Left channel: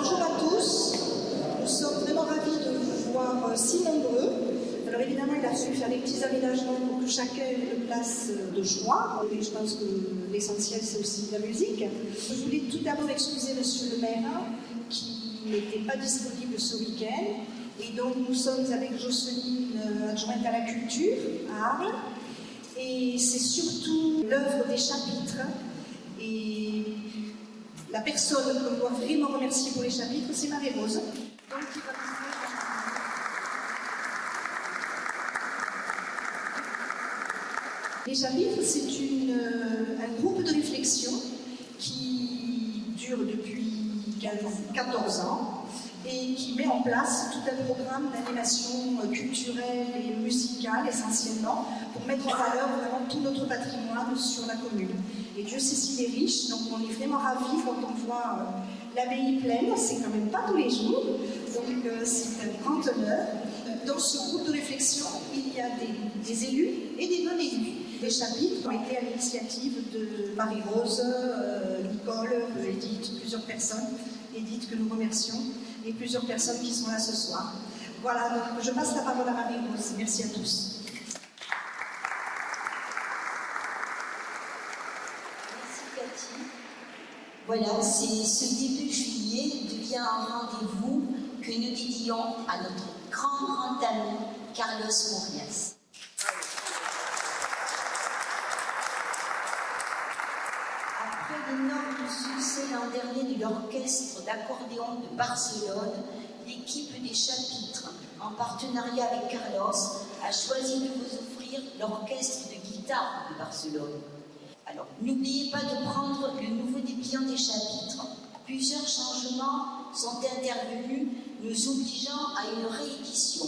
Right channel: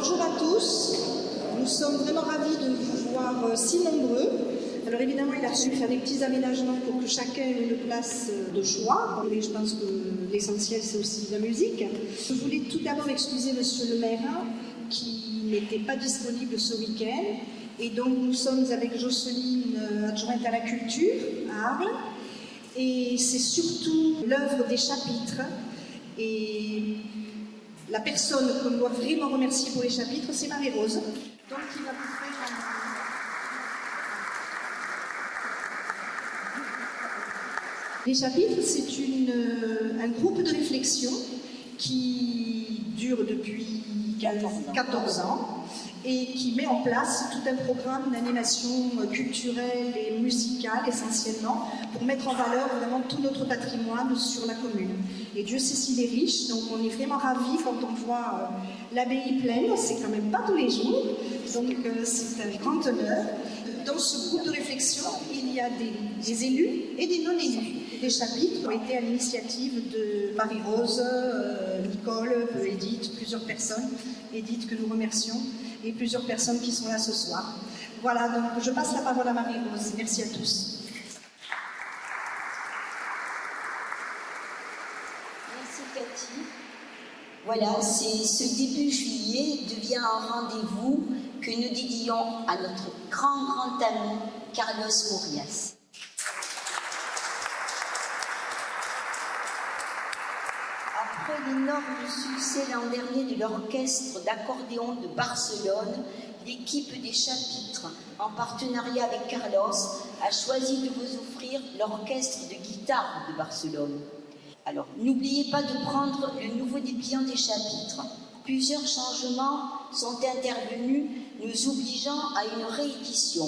Bonjour à tous, nous sommes vraiment ravis de vous voir si nombreux. Alors évidemment, il a fallu faire des petits aménagements pour que chacun ait une place de choix. Et je pense que l'essentiel, c'est aussi la musique. Je voulais tout d'abord excuser Monsieur le maire qui n'était pas disponible ce week-end. Et donc nous sommes avec Jocelyne, adjointe à la culture, à Arles. Et c'est surtout l'œuvre des chapitres. Et la personne qu'on doit vraiment remercier pour les chapitres, c'est Marie-Rose. Donc il va Les chapitres, c'est un groupe de réflexion qui dure depuis 14 ans et qui met en place tout un programme d'animation culturelle et musicale essentiellement pour mettre en valeur vraiment tout notre patrimoine sur la commune. Et Dieu sait s'il est riche, donc on est vraiment ravis quand on voit l'abbaye pleine, c'est quand même pas tous les jours, donc c'est un grand honneur. Dans ce groupe de réflexion, il y a des élus et des non-élus. Des chapitres ont été à l'initiative de Marie-Rose, Nicole, Edith, plusieurs personnes, Edith que nous remercions, et plusieurs personnes qui sont là ce soir. Voilà, donc je passe la parole à Marie-Rose. Merci à tous. Merci Cathy. Voilà, ce début juillet devient un rendez-vous que nous dédions à notre grand ami Carlos Murias. Après l'énorme succès l'an dernier de l'orchestre d'accordéon de Barcelone, l'équipe des chapitres, en partenariat avec Carlos, a choisi de vous offrir l'orchestre de guitare de Barcelone. Alors, n'oubliez pas de prendre le nouveau dépliant des chapitres. Plusieurs changements sont intervenus, nous obligeant à une réédition.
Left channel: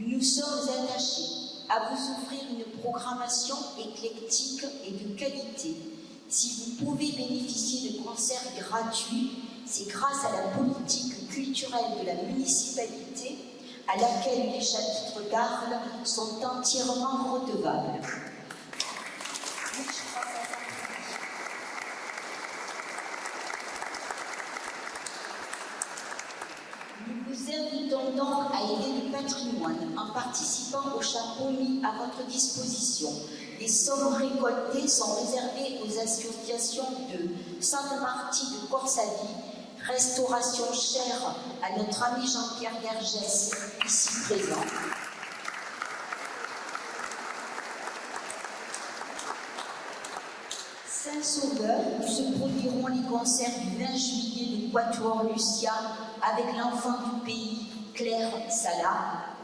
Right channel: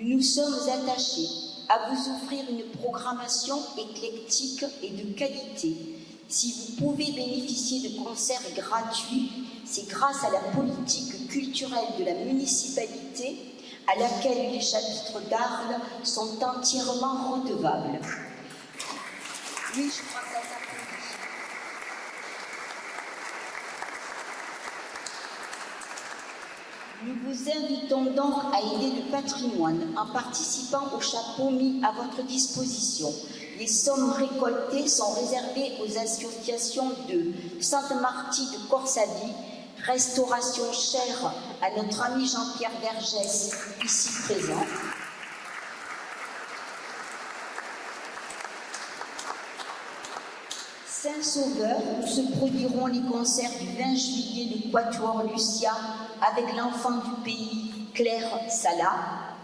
Nous nous sommes attachés à vous offrir une programmation éclectique et de qualité. Si vous pouvez bénéficier de concerts gratuits, c'est grâce à la politique culturelle de la municipalité à laquelle les chapitres d'Arles sont entièrement redevables. Oui, je crois que ça Nous vous invitons donc à aider le patrimoine en participant au chapeau mis à votre disposition. Les sommes récoltées sont réservées aux associations de Sainte-Marty de Corsavie, Restauration chère à notre ami Jean-Pierre Vergès, ici présent. Saint-Sauveur, où se produiront les concerts du 20 juillet de Quatuor Lucia avec l'enfant du pays, Claire Sala.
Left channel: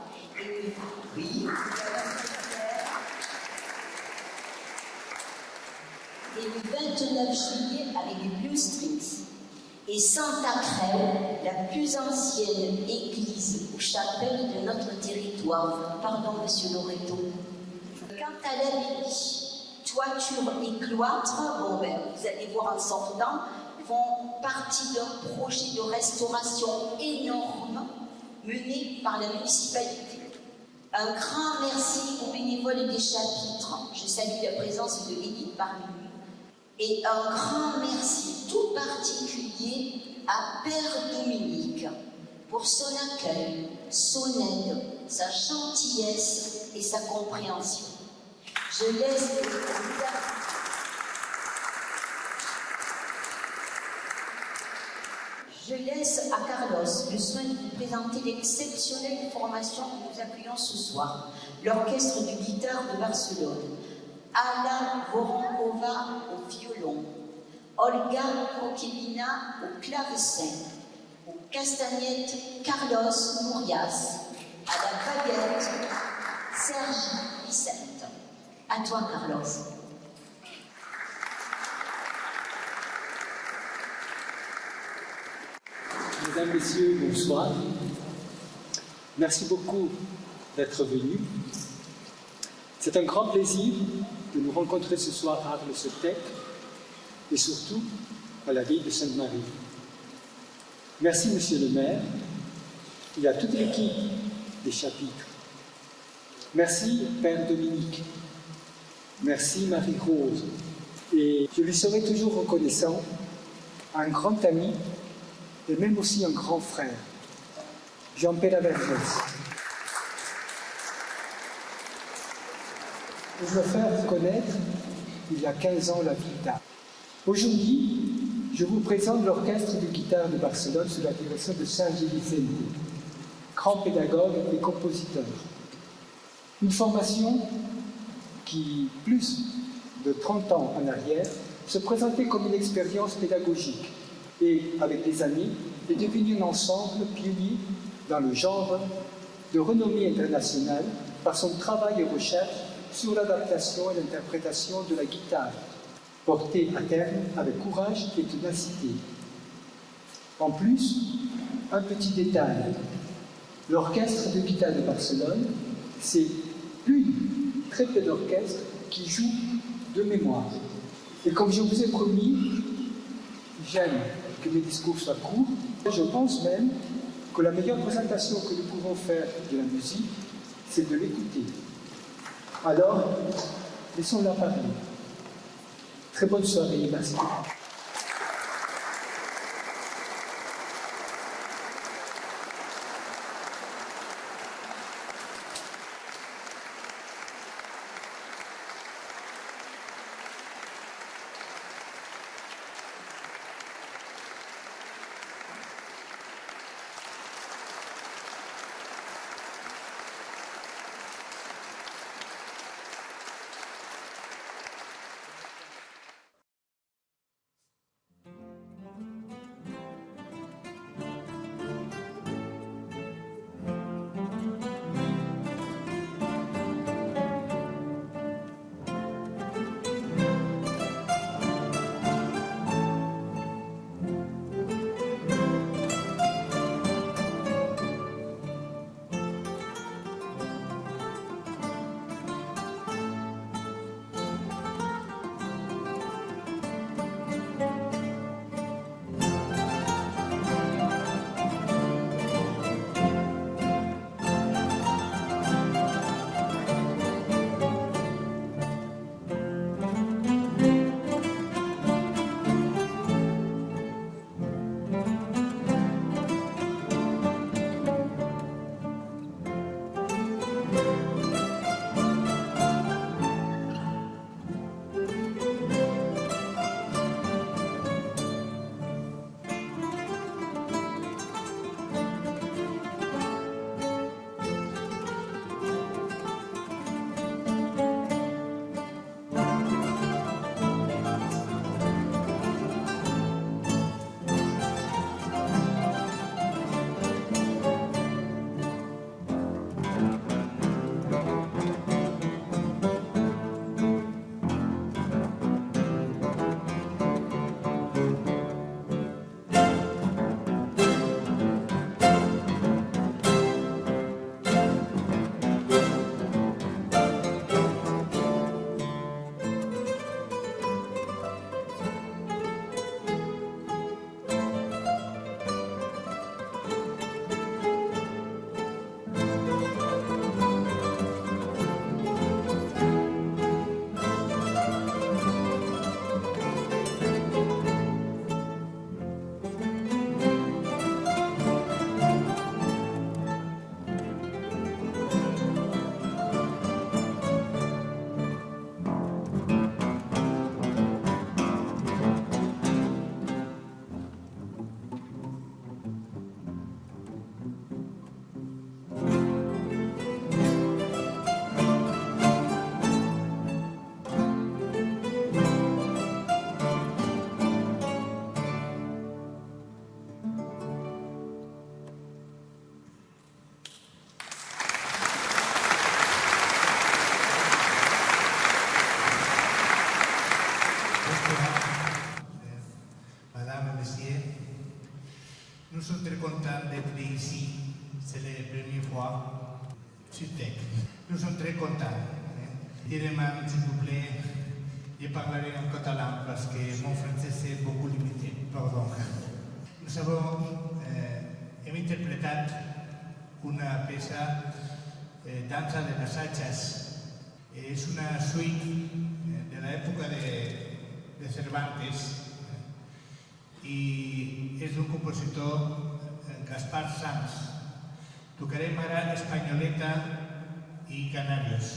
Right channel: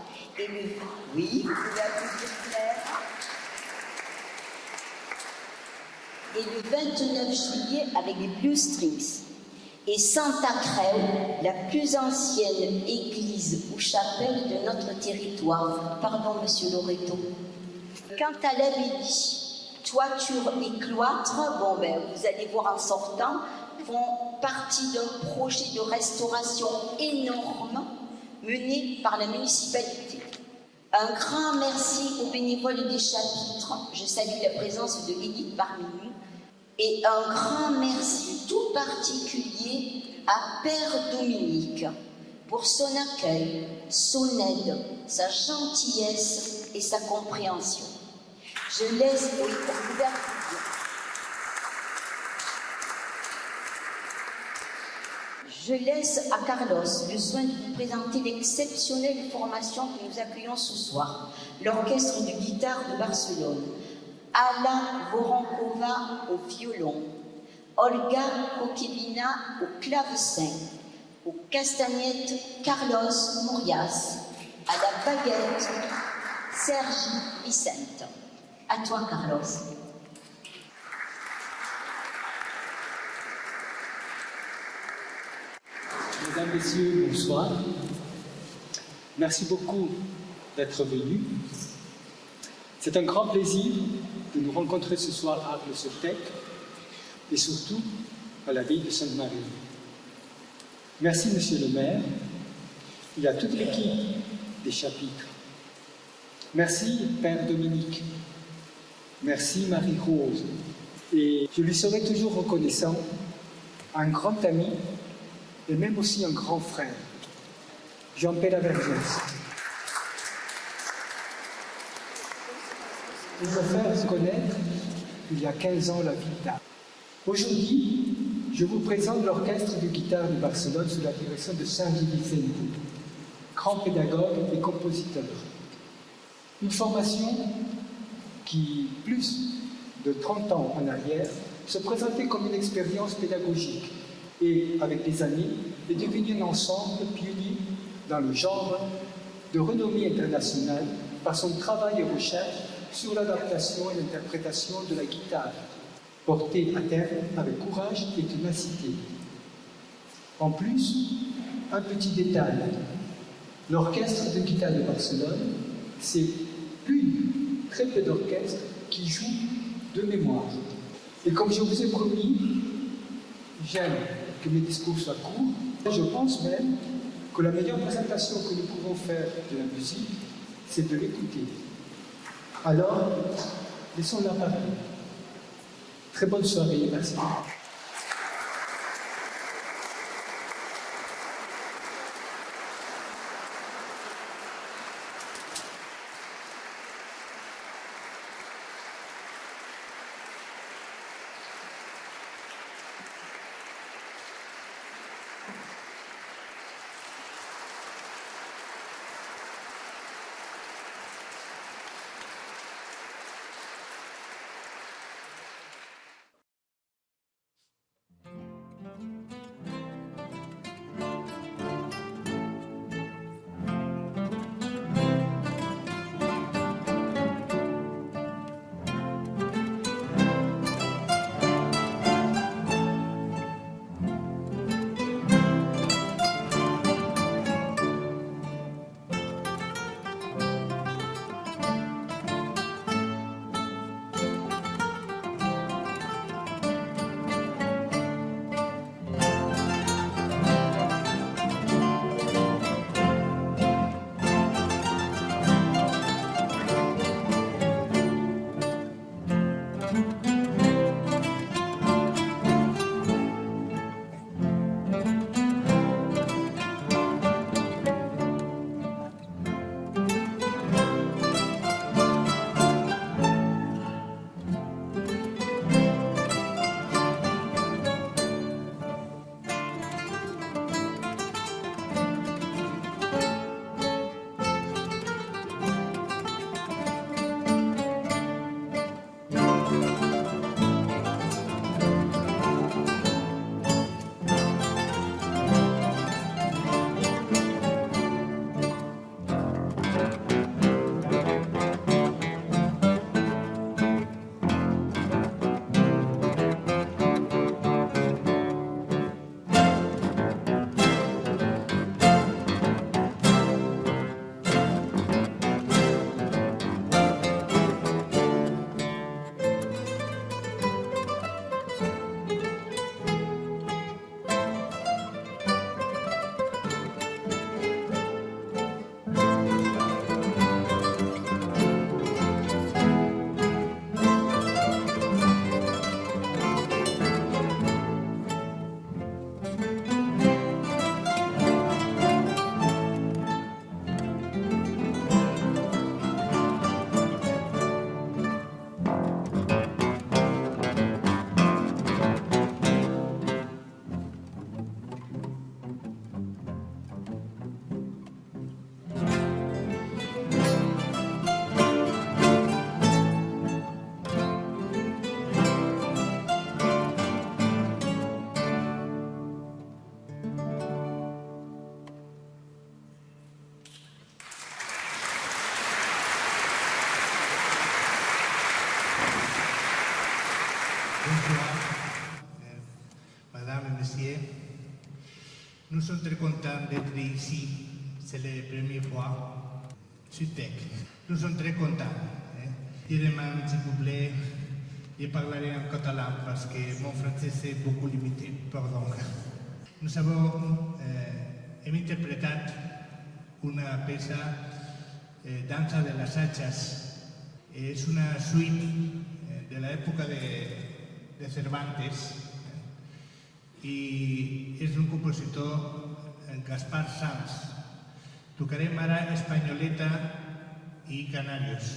Et le 29 juillet avec les Blue Strings. Et Santa Creu, la plus ancienne église ou chapelle de notre territoire. Pardon, monsieur Loreto. Quant à l'abbaye, toiture et cloître, vous allez voir en sortant, font partie d'un projet de restauration énorme mené par la municipalité. Un grand merci aux bénévoles des chapitres. Je salue la présence de Edith parmi nous. Et un grand merci tout particulier à Père Dominique pour son accueil, son aide, sa gentillesse et sa compréhension. Je laisse à Carlos le soin de vous présenter l'exceptionnelle formation que nous accueillons ce soir, l'orchestre de guitare de Barcelone. Alain Voronkova au violon, Olga Kokevina au clavecin, aux castagnettes Carlos Murias, à la baguette Sergi Vicente. À toi, Carlos. Mesdames, Messieurs, bonsoir. Merci beaucoup d'être venus. C'est un grand plaisir de nous rencontrer ce soir à Arles-sur-Tech et surtout à la ville de Sainte-Marie. Merci, Monsieur le maire, et à toute l'équipe des chapitres. Merci, Père Dominique. Merci, Marie-Rose. Et je lui serai toujours reconnaissant, un grand ami et même aussi un grand frère, Jean-Pierre Vergès. Et me faire connaître, il y a 15 ans, la guitare. Aujourd'hui, je vous présente l'orchestre de guitare de Barcelone sous la direction de Sergi Vicente, grand pédagogue et compositeur. Une formation qui, plus de 30 ans en arrière, se présentait comme une expérience pédagogique et, avec les années, est devenu un ensemble pionnier dans le genre de renommée internationale par son travail et recherche sur l'adaptation et l'interprétation de la guitare, portée à terme avec courage et ténacité. En plus, un petit détail, l'orchestre de guitare de Barcelone, c'est une très peu d'orchestres qui jouent de mémoire. Et comme je vous ai promis, j'aime que mes discours soient courts. Je pense même que la meilleure présentation que nous pouvons faire de la musique, c'est de l'écouter. Alors, laissons-la parler. Très bonne soirée, merci beaucoup. Nous sommes très contents d'être ici. C'est la première fois sur TEC. Nous sommes très contents. Je demande, s'il vous plaît, de parler en catalan parce que mon français est beaucoup limité. Pardon. Nous avons interprété une pièce Danza de las Hachas. Es una suite de la época de Cervantes y és d'un compositor Gaspar Sanz. Tocarem ara Espanyoleta i Canarios.